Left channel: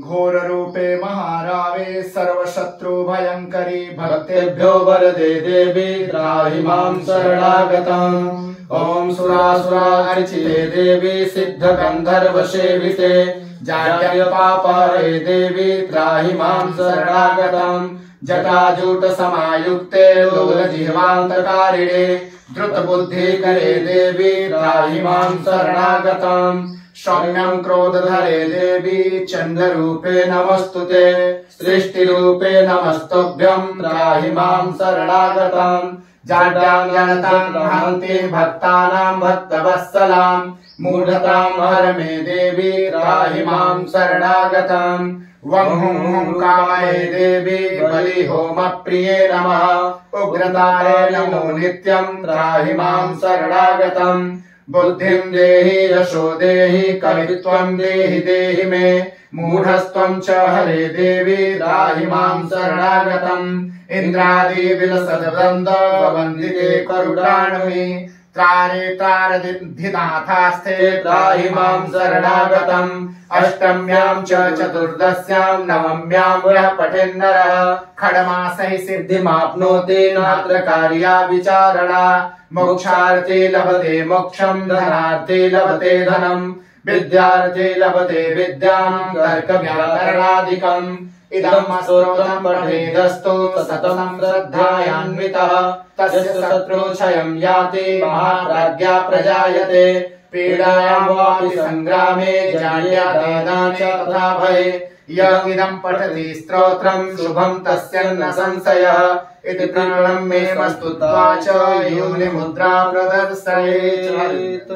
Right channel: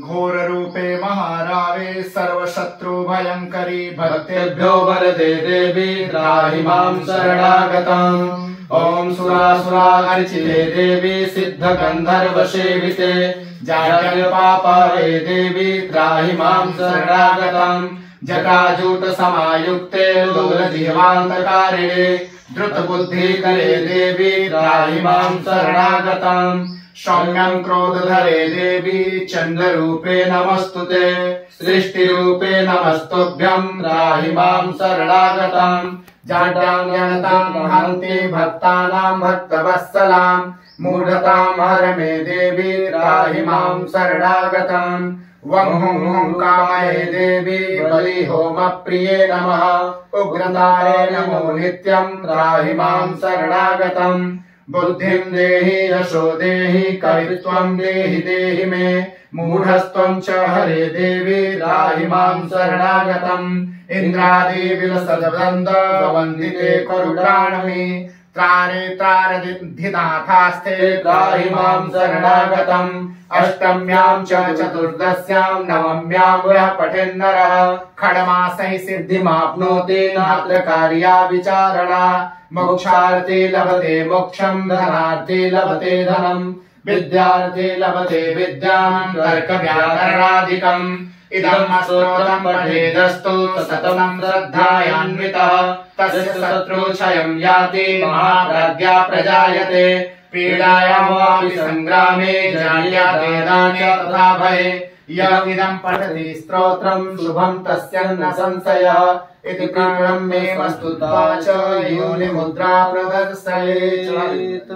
घोर रूपे महारावे सर्वशत्रु भयंकरी भक्तेभ्यो वरदे देवी त्राहि मां शरणागतम्। ओम सुरासुरा अर्चिते देवी सिद्ध गंधर्व सेविते जाड्यपापहरे देवी त्राहि मां शरणागतम्। जटाजूट समायुक्ते लोलजीवान्तकारिणे द्रुत बुद्धि करे देवी त्राहि मां शरणागतम्। सौम्यं क्रोधधरे देवी चंद्र रूपे नमस्तुते सृष्टि रूपे नमस्तुभ्यं त्राहि मां शरणागतम्। जाड्यां हन्ति भक्तानां भक्तवत्सलां मूढतां हर मे देवी त्राहि मां शरणागतम्। वं हुं कामये देवी बलि होम प्रिये नमः उग्रतारे नमो नित्यं त्राहि मां शरणागतम्। बुद्धिं देहि यशो देहि कवित्वं देहि देहि मे मूढस्त्वं च हरे देवी त्राहि मां शरणागतम्। इंद्रादि विलसद्वृन्द वन्दिते करुणाणमे त्रारे त्रारधिनाथास्ते त्राहि मां शरणागतम्। अष्टम्यां च चतुर्दश्यां नवम्यां यः पठेन्नरः खड्मासैः सिद्धिमाप्नोति नात्र कार्या विचारणा। मोक्षार्थे लभते मोक्षं धनार्थे लभते धनम् विद्यार्थे लभते विद्यां तर्कव्याकरणादिकम्। इदं स्तोत्रं पठेदस्तु सततं श्रद्धयान्वितः तस्य शत्रुक्षयं याति महाप्राज्ञा प्रजायते। पीडायां वापि संग्रामे जाड्यातेन च तथा भये यः इदं पठति स्तोत्रं शुभं तस्य न संशयः। इति प्रणम्ये मस्तुत्वा च योनिमुद्रा प्रदर्शयेत्।